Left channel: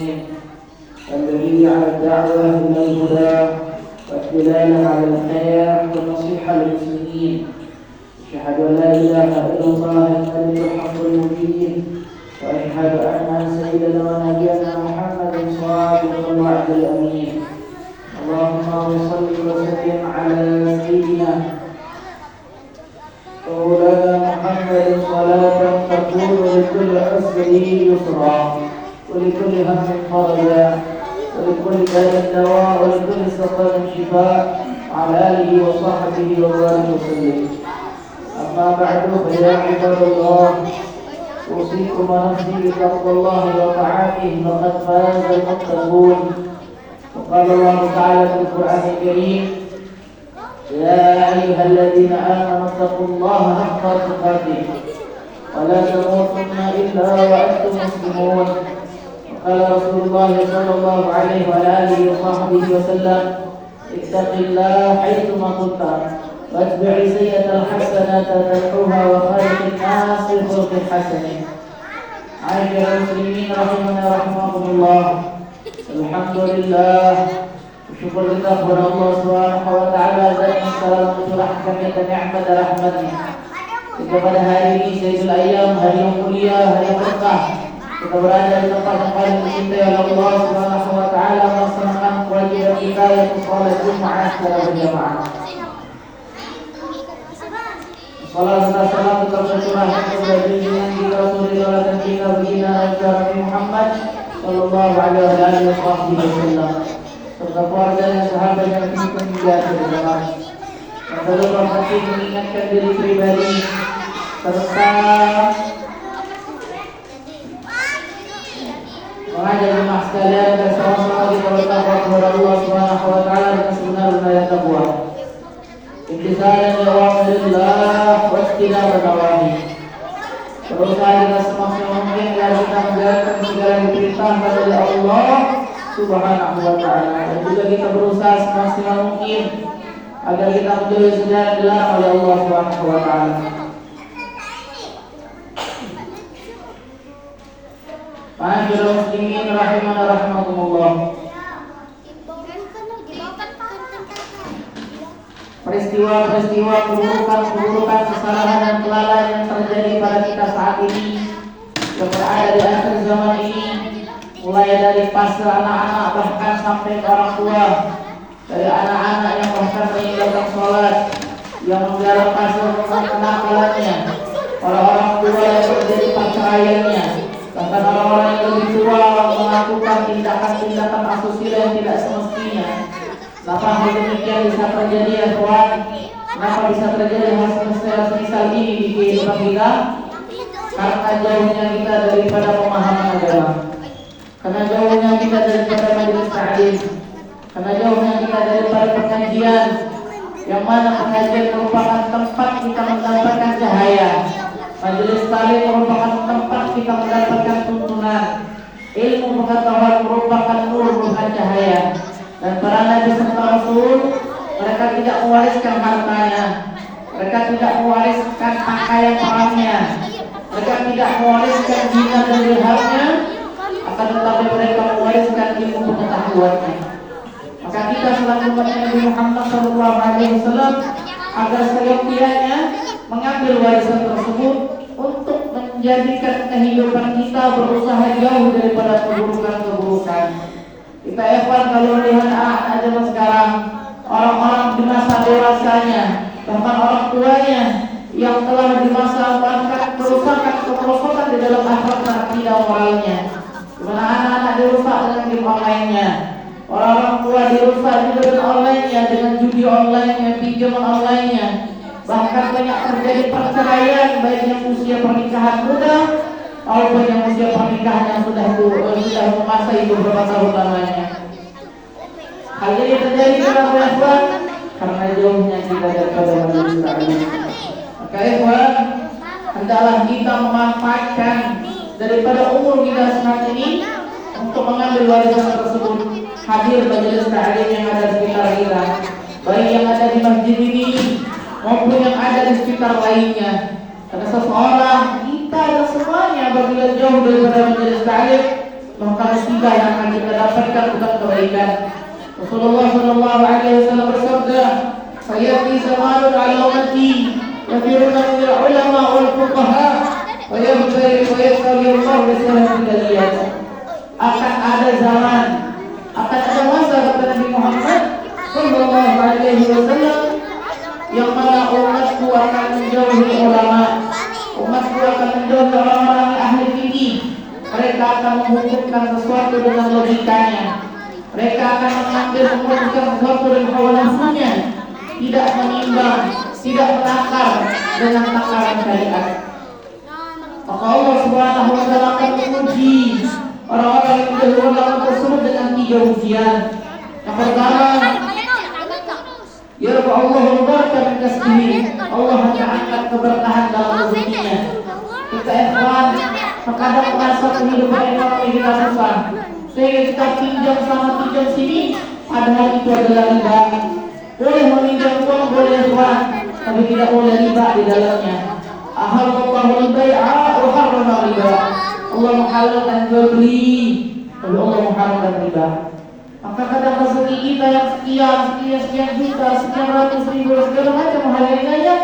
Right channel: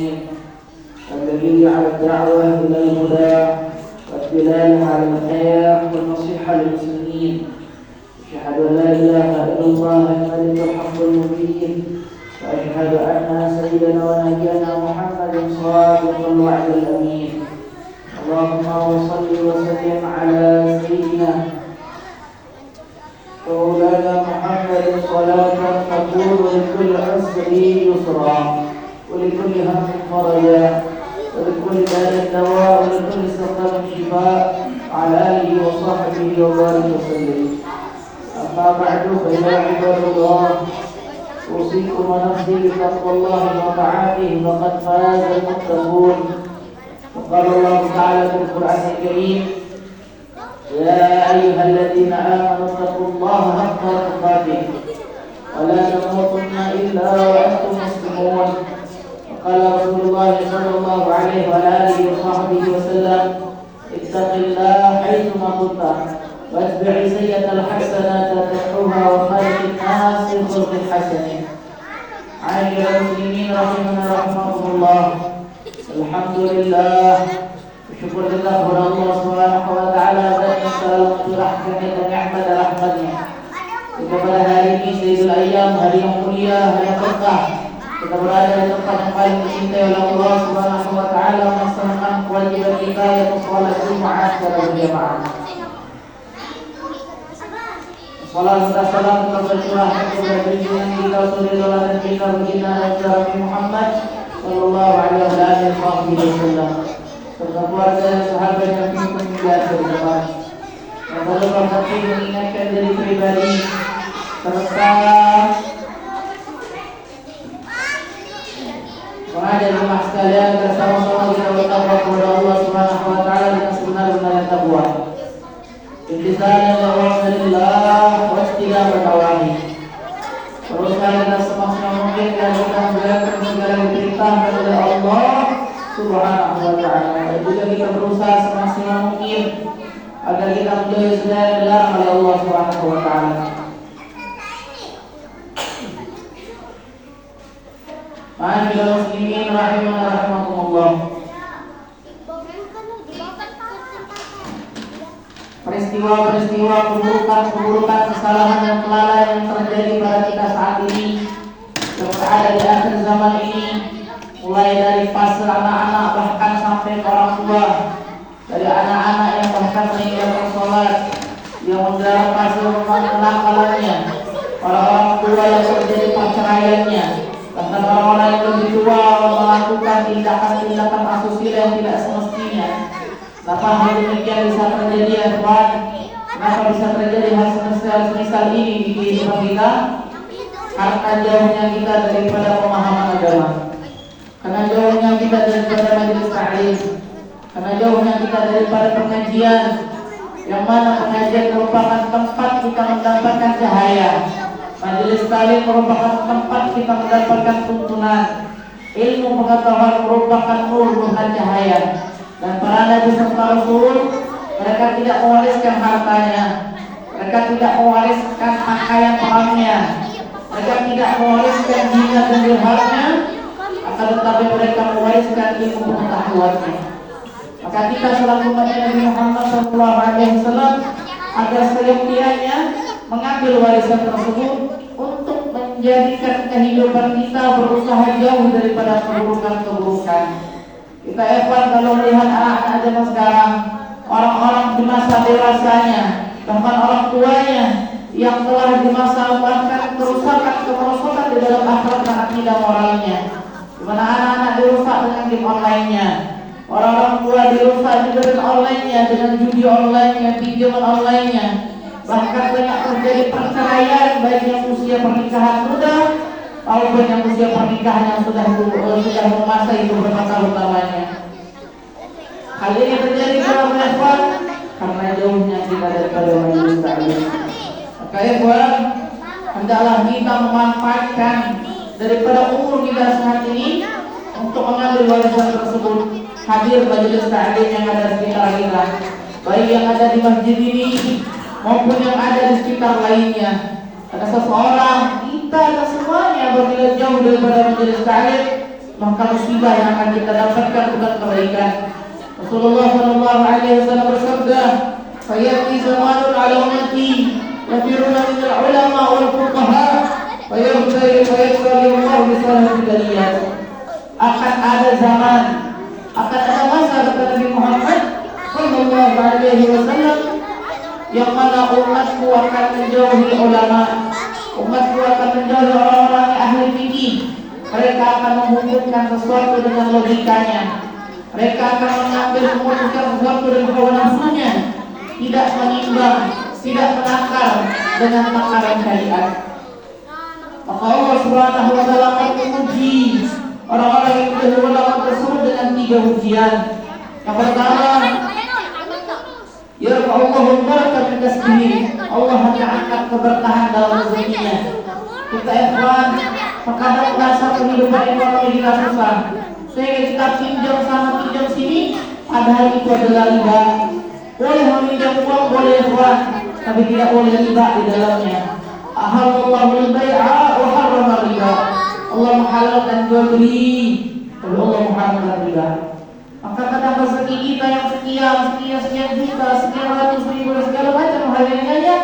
المسلمين الذي على الدعوة إلى الهدى والدلالة على الخير والنصيحة للمسلمين. أشهد أن لا إله إلا الله الملك الحق المبين، وأشهد أن سيدنا ونبينا محمد صادق الوعد الأمين. اللهم صل وسلم على سيدنا ومولانا محمد صلاة تكون لكل عسر يسرا ولكل هم فرجا ولكل داء دواء ولكل سقم شفاء على آله وصحبه وبارك وسلم. أما بعد فيا عباد الله، أوصيكم ونفسي بتقوى الله وطاعته فقد فاز المتقون. وقال الله تعالى في القرآن الكريم: يا أيها الذين آمنوا اتقوا الله حق تقاته ولا تموتن إلا وأنتم مسلمون. وقال رسول الله صلى الله عليه وعلى آله وصحبه وسلم: اتق الله حيثما كنت واتبع سيئة الحسنة تمحوها وخالق الناس بخلق حسن. معاشر المسلمين رحمنا رحمكم الله، alhamdulillah, syukur kita kepada Allah Subhanahu wa taala dan salam curahkan kita nikmat dan rahmatnya. Jika pada hari ini Sayyidul Ayyam, hari yang mulia, hari yang berkah, kita berada di tempat yang paling dicintai oleh Allah Subhanahu wa taala, melaksanakan kewajiban kita yaitu salat Jumat secara berjamaah. Salam dan salam tetap tercurahkan kepada junjungan kita Rasulullah dan kita baginda Nabi Muhammad sallallahu alaihi wasallam, serta keluarga dan sahabat yang kita mulia bersama. Dan selalu berhati mengingatkan diri pribadi serta mengajak jemaah sekalian bersama-sama kita bertakwa kepada Allah Subhanahu wa taala dengan sebenar-benarnya takwa. Intisalan li awamirillah wa ijtinab al-nawahi. Berusaha dengan semaksimal mungkin agar kita menjalankan segala perintah dari Allah Subhanahu wa taala, dan juga kita berusaha semaksimal mungkin agar kita menjauhi segala dilarang oleh Allah Subhanahu wa taala. Ma'asyiral muslimin rahimana rahimakumullah. Peristiwa-peristiwa keburukan, kesalahan dan kelalaian yang terjadi pada kita saat ini, yang berada di akhir zaman ini, mulai dari fase anak-anak bahkan sampai ke orang tua, dari anak-anak yang bahkan meninggalkan sholat, yang mendalam fase kenakalannya, orang-orang tua yang terjadi perceraiannya, bahkan orang-orang yang lebih tua melakukan tindakan-tindakan asusila yang tidak semestinya. Kenapa hal demikian bisa terjadi ya Tuhan? Kenapa bisa terjadi hal semisal ini di kehidupan kita? Karena jauhnya kita daripada pemahaman agama, karena jauhnya kita daripada majelis ta'lim, karena jauhnya kita daripada pengajian, yang mana pengajian merupakan tempat kita mendapatkan cahaya, majelis ta'lim merupakan tempat kita mendapatkan tuntunan, ilmu pengetahuan merupakan nur, bukan cahaya. Dan para nabi serta rasul, mereka tidak mewariskan hartanya, mereka tidak mewariskan pakaian perangnya, mereka tidak mewariskan dinar dan dirhamnya, akan tetapi mereka mewariskan ilmu pengetahuannya. Maka kita selalu mengingatkan Nabi Muhammad SAW agar seyogianya mengambil warisan tersebut untuk menjadikan kehidupan kita berusaha jauh daripada keburukan-keburukan. Kita evan kalau melihat anak-anak zaman sekarang, orang-orang di masa dewasanya, bahkan orang tuanya yang telah di masa bahkan kerusakan di dalam akhlak dan akidah moralnya, di mana anak-anak dirusak dengan game online-nya, orang-orang tua dirusak juga dengan online-nya, dengan judi online-nya, pinjaman online-nya, bahkan banyak terjadi perceraian baik yang usia pernikahan muda maupun yang usia pernikahan yang sudah menguasai beberapa tahun lamanya. Hal ini terjadi karena jauhnya kita daripada majelis ta'lim. Maka ikhwan, hendaklah kita memanfaatkan daripada umur kita saat ini untuk mengambil warisan tersebut. Hadir majelis ta'lim yang ada di sekitar kita, baik yang ada di masjid ini maupun yang ada di sekitar lainnya. Karena seseorang, kita dan semuanya apabila jauh daripada majelis ta'lim, maka musibah yang akan kita dapatkan bukan kebaikan. Rasulullah sallallahu alaihi wasallam bersabda, "Sayati zamanun 'ala ummati yafiruna min al-ulama wal fuqaha wa yabtali wa yasri Allah bi sahih daliyat." Akan ada zaman, akan ada masa kata Nabi Muhammad sallallahu alaihi wasallam yang mana umatku akan menjauhi ulama, umatku akan menjauhi orang-orang yang ahli fikih. Mereka akan menghukumkan sesuatu dengan logikanya. Mereka akan mengambil memutuskan sesuatu dengan hawa nafsunya, tidak menimbang, tidak menakar dengan takaran syariat. Maka Allah Subhanahu wa taala akan menguji orang-orang yang menjauhi ulama tersebut dengan 3 ujian. Yang pertama, yarfa'ullahu baraka min kasbihi. Allah akan angkat keberkahan dalam rezekinya. Kita ikhwan terkadang merasa kehidupan ekonomi kita susah, sehingga kita pinjam sana pinjam sini, padahal itu adalah riba. Boleh meminjam uang, boleh ikhwan, tapi tidak boleh riba di dalamnya. Ahallallahu al-bai'a wa harrama riba. Allah menghalalkan jual beli, lalu Allah mengharamkan riba. Maka kadang rezeki kita yang sekian juta, sekian ratus ribu, segala macam hal yang lainnya,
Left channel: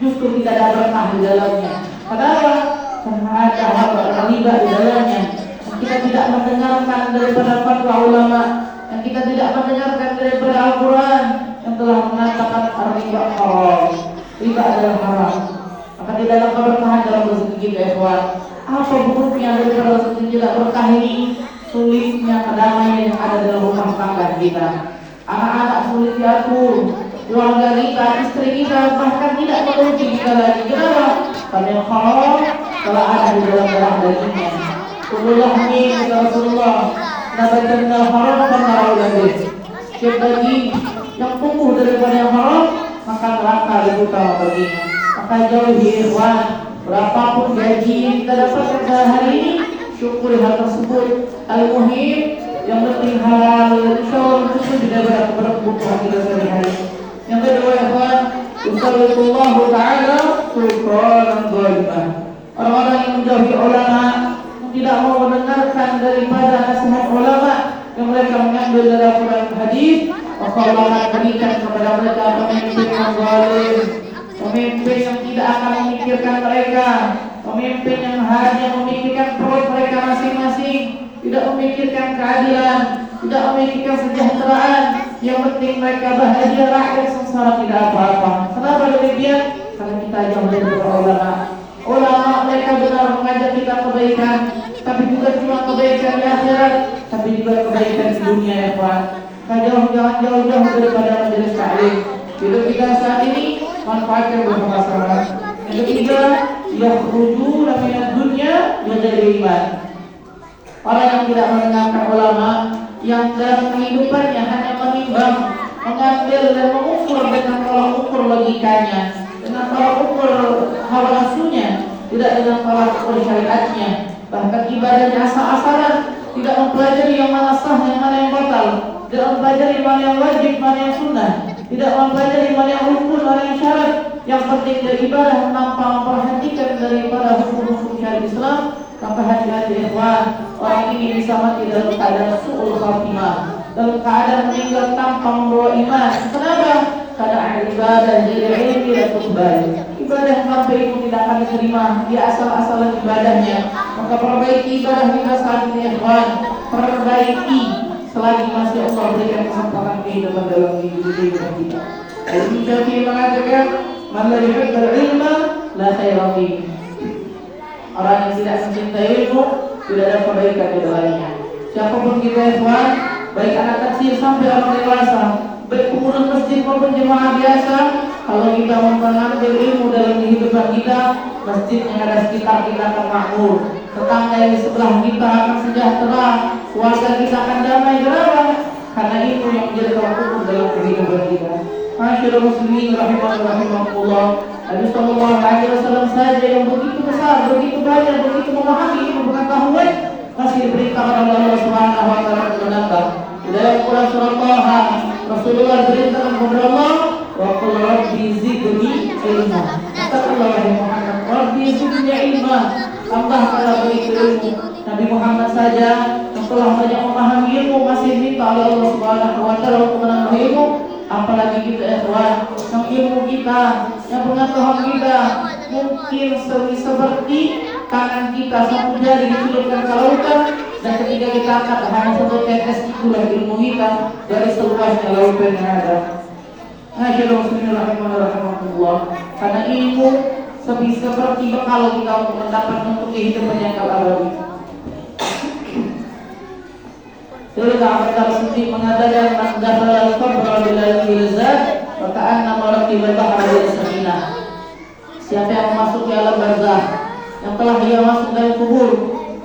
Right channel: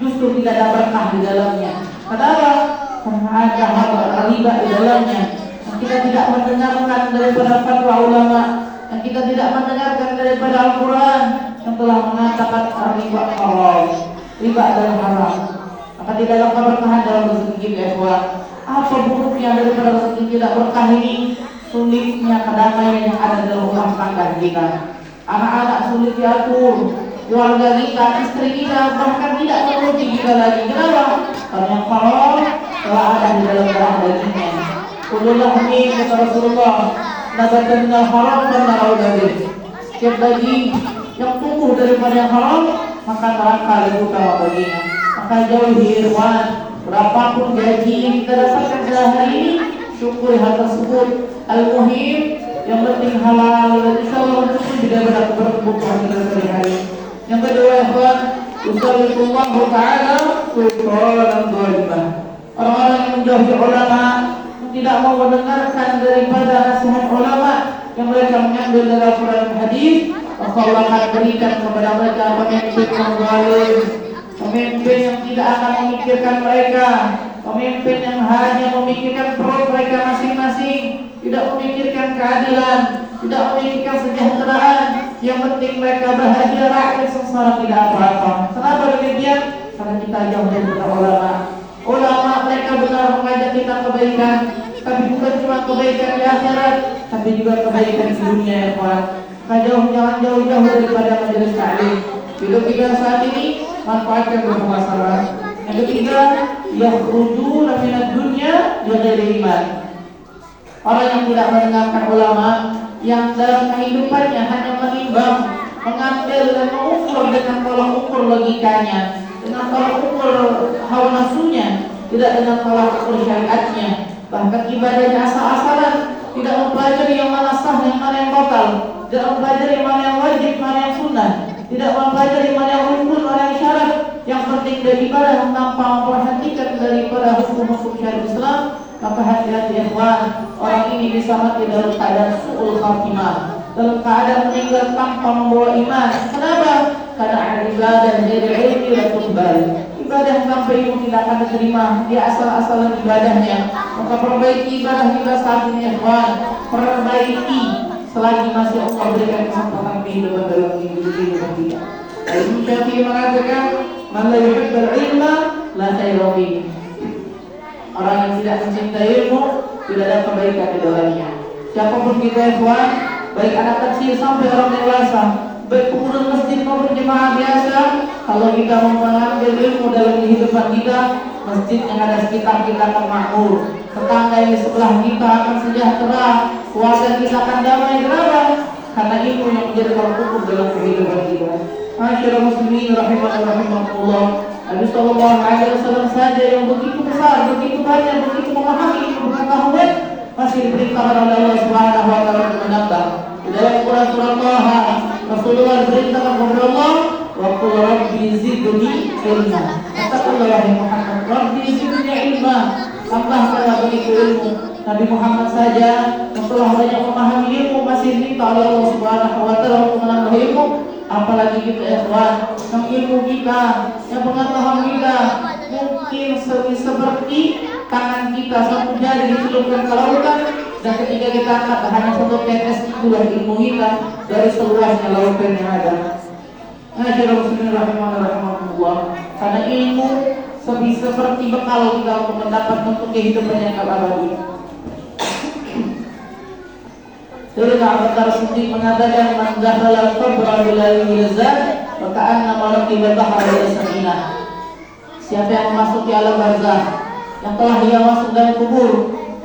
justru tidak ada berkah di dalamnya. Kenapa? Karena ada hal riba di dalamnya. Yang kita tidak mendengarkan daripada fatwa ulama, yang kita tidak mendengarkan daripada Al-Quran yang telah mengatakan riba haram, riba adalah haram. Maka tidak ada keberkahan dalam rezeki kita, ikhwan. Apa buruknya daripada rezeki tidak berkah ini? Sulitnya kedamaian yang ada dalam rumah tangga kita. Anak-anak sulit diatur, keluarga kita, istri kita bahkan tidak menuruti kita lagi. Kenapa? Karena yang haram telah ada di dalam darah dagingnya. Kulullah min kata Rasulullah, nabatanna haram dan narawlabih. Setiap daging yang tumbuh daripada yang haram, maka neraka dibuka baginya. Maka jauhi ikhwan, berapapun gaji yang kita dapatkan sehari ini, syukuri hal tersebut. Al-muhim yang penting halal, insyaallah itu tidak berat kebutuhan kita sehari-hari. Yang kedua, ikhwan, usallallahu ta'ala sultanan dhalimah. Orang-orang yang menjauhi ulama, tidak mau mendengarkan daripada nasihat ulama yang mereka mengambil dari Al-Quran dan hadis, maka Allah akan berikan kepada mereka pemimpin yang zalim, pemimpin yang tidak akan memikirkan mereka, pemimpin yang hanya memikirkan perut mereka masing-masing, tidak memikirkan keadilan, tidak memikirkan kesejahteraan. Yang penting mereka bahagia, rakyat sengsara tidak apa-apa. Kenapa demikian? Karena kita jauh dari ulama. Ulama mereka benar mengajak kita kebaikan, tapi bukan cuma kebaikan di akhirat, tapi juga kebaikan di dunia, ya Pak. Jangan jauh-jauh daripada majelis taklim. Hidup kita saat ini manfaatkan bermasalah. Yang ketiga, yakhrujuna minad dunya bighairi iman. Orang yang tidak mendengarkan ulama, yang dalam kehidupannya hanya menimbang, mengambil dan mengukur dengan tolak ukur logikanya, dengan tolak ukur hawa nafsunya, tidak dengan tolak ukur syariatnya. Bahkan ibadahnya asal-asalan, tidak mempelajari yang mana sah, yang mana yang batal, tidak mempelajari mana yang wajib, mana yang sunnah, tidak mempelajari mana yang rukun, mana yang syarat. Yang penting dari ibadah tanpa memperhatikan daripada hukum-hukum syariat Islam, maka hati-hati ikhwan, orang ini bisa mati dalam keadaan su'ul khatimah, dalam keadaan meninggal tanpa membawa iman. Kenapa? Karena ibadah jadi ilmi dan tuqbal. Ibadah sampai itu tidak akan diterima, dia asal-asalan ibadahnya. Maka perbaiki ibadah kita saat ini ikhwan, perbaiki selagi masih Allah berikan kesempatan kehidupan dalam hidup kita. Al-Imam Syafi'i mengatakan, "Man la yuhibbul ilma la khaira fihi." Orang yang tidak mencintai ilmu, tidak ada kebaikan di dalamnya. Siapapun kita ikhwan, baik anak kecil sampai orang dewasa, baik pemuda masjid maupun jemaah biasa, kalau kita mau mengambil ilmu dalam kehidupan kita, masjid yang ada sekitar kita akan makmur, tetangga yang di sebelah kita akan sejahtera, keluarga kita akan damai. Kenapa? Karena ilmu yang menjadi tolak ukur dalam kehidupan kita. Masyaallah muslimin rahimahullah. Nabi sallallahu alaihi wasallam saja yang begitu besar, begitu banyak, begitu memahami ilmu pengetahuan, masih diperintahkan oleh Allah Subhanahu wa taala untuk menambah. Di dalam Quran surah Taha, Rasulullah diperintahkan kepada Allah, wa qul rabbi zidni ilma. Katakanlah wahai Muhammad, rabbi zidni ilma, tambahkanlah bagiku ilmu. Nabi Muhammad saja yang telah banyak memahami ilmu masih minta oleh Allah Subhanahu wa taala untuk menambah ilmu, apalagi kita ikhwan yang ilmu kita, yang pengetahuan kita mungkin seperti tangan kita satu jari dicelupkan ke lautan, dan ketika kita angkat hanya satu tetes itulah ilmu kita dari seluasnya lautan yang ada. Bismillahirrahmanirrahim. Karena ilmu seperti bekal kita untuk mendapat untuk kehidupan yang abadi. Sayyidina Abu Bakar Siddiq mengatakan, "Man dakhala al-qabra bila yulzat, wa ka'anna raqiba bahra bil sakinah." Siapa yang memasuki alam barzakh, yang telah dia masuk dalam kubur,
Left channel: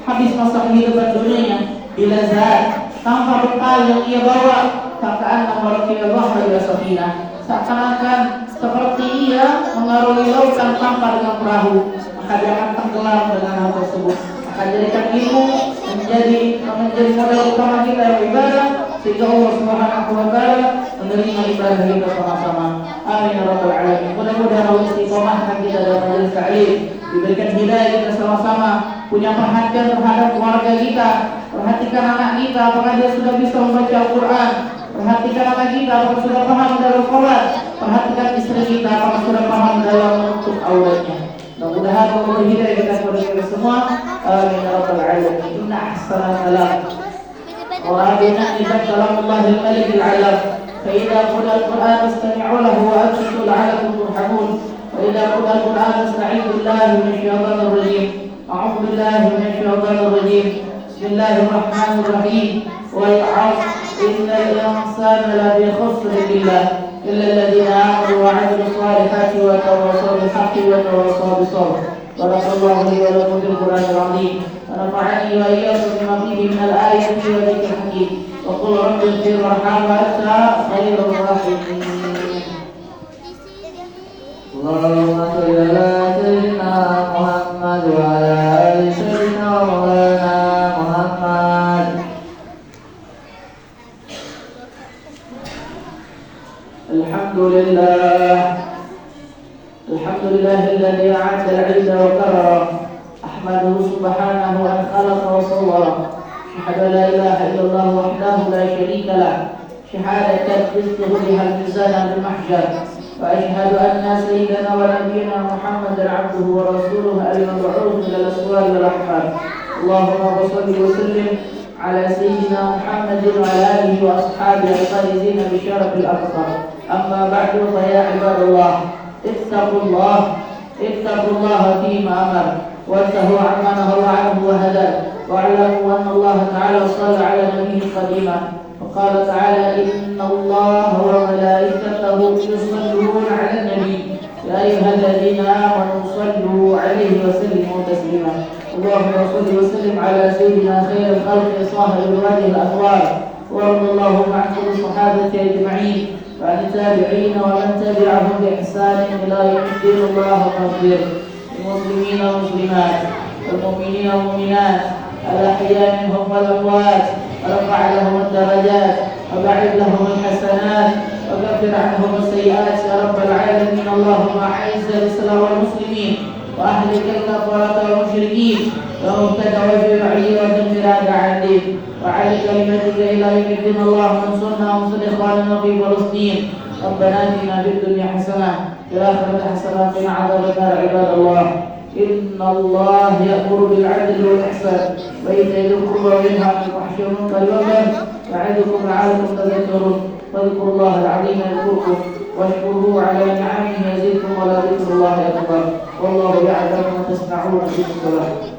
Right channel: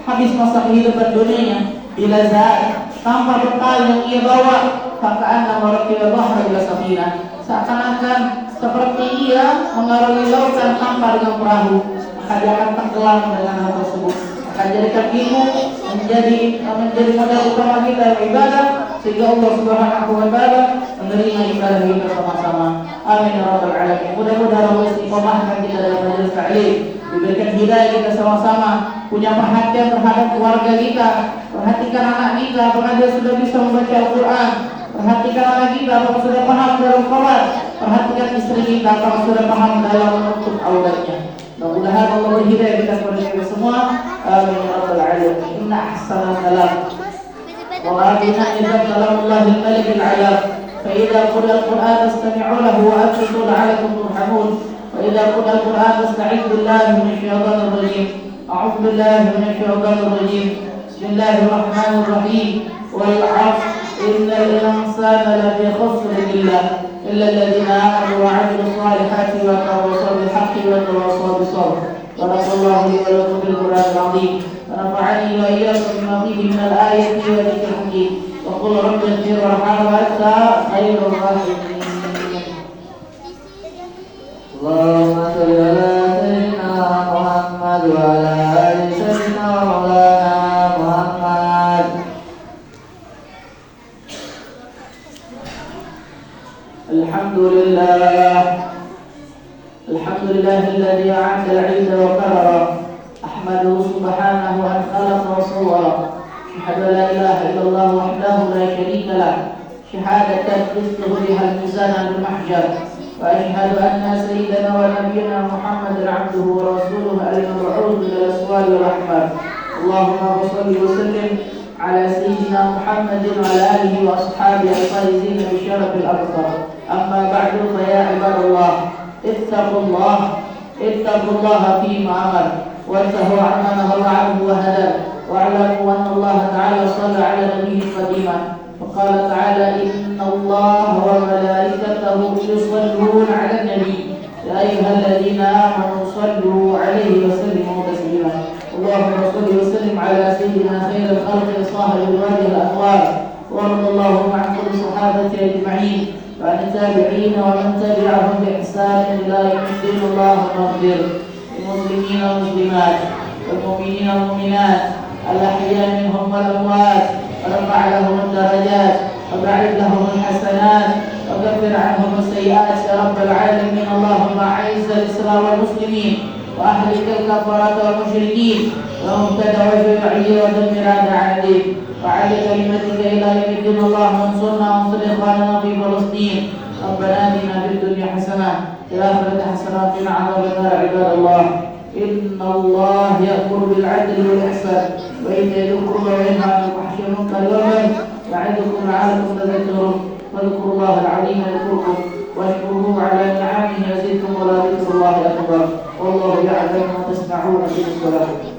habis masa kehidupan dunia bila zat, tanpa bekal yang ia bawa, ka'anna raqiba bahra bil sakinah, seakan-akan seperti ia mengarungi lautan tanpa dengan perahu, maka dia akan tenggelam dengan hal tersebut. Maka jadikan ilmu menjadi modal utama kita beribadah, sehingga Allah Subhanahu wa taala menerima ibadah kita sama-sama. Amin ya rabbal alamin. Mudah-mudahan Allah istiqomahkan kita dalam majelis ta'lim, diberikan hidayah kita sama-sama, punya perhatian terhadap keluarga kita, perhatikan anak kita apakah dia sudah bisa membaca Al-Quran, perhatikan anak kita apakah sudah paham dalam sholat, perhatikan istri kita apakah sudah paham dalam menutup auratnya. Mudah-mudahan Allah berhidayah kita kepada kita semua. Amin ya rabbal alamin. Inna ahsanal kalam wa rabbina idza kalamullahil malikil alam. Fa idza qila al-Qur'an fastami'u lahu wa ansitu la'allakum turhamun. Wa idza qila al-Qur'an fasta'idhu billahi minasy syaithanir rajim. A'udzu billahi minasy syaithanir rajim. Bismillahirrahmanirrahim. Wal 'ashr innal insana lafi khusr إلا الذين آمنوا وعملوا الصالحات وتواصوا بالحق وتواصوا بالصبر. بارك الله لي ولكم بالقرآن العظيم ونفعني وإياكم بما فيه من الآية والذكر الحكيم. وقل رب اغفر وارحم وأنت خير الراحمين. اللهم صل على سيدنا محمد وعلى آل سيدنا مولانا محمد. الحمد لله الذي أعاد العز وكرر. أحمده سبحانه أن خلق وصور. أشهد أن لا إله إلا الله وحده لا شريك له شهادة تثبت بها الميزان بالمحجر. وأشهد أن سيدنا ونبينا محمدا عبده ورسوله المبعوث إلى الأسوار والأحباب. اللهم صل وسلم على سيدنا محمد وعلى آله وأصحابه الفائزين بشرف الأبصار. أما بعد فيا عباد الله اتقوا الله فيما أمر وانتهوا عما نهى عنه وهدى. واعلموا أن الله تعالى صلى على نبيه قديما وقال تعالى إن الله وملائكته يصلون على النبي يا أيها الذين آمنوا صلوا عليه وسلموا تسليما. اللهم صل وسلم على سيدنا خير الخلق صاحب الوجه الأنوار. وارض اللهم عن كل الصحابة أجمعين وعن التابعين ومن تبعهم بإحسان إلى يوم الدين. اللهم اغفر للمسلمين والمسلمات والمؤمنين والمؤمنات الأحياء منهم والأموات، وارفع لهم الدرجات وبعد لهم الحسنات وكفر عنهم السيئات يا رب العالمين. اللهم أعز الإسلام والمسلمين وأهلك الكفرة والمشركين ومبتدع وشيوعه ودمر أعداء الدين وعلى كلمتك إلى يوم الدين. اللهم انصرنا وانصر إخواننا في فلسطين. ربنا آتنا في الدنيا حسنة وفي الآخرة حسنة وقنا عذاب النار. عباد الله إن الله يأمر بالعدل والإحسان وإيتاء ذي القربى وينهى عن الفحشاء والمنكر والبغي يعظكم لعلكم تذكرون. فاذكروا الله العظيم يذكركم واشكروه على نعمه يزدكم ولذكر الله أكبر. والله يعلم ما تصنعون في الصلاة.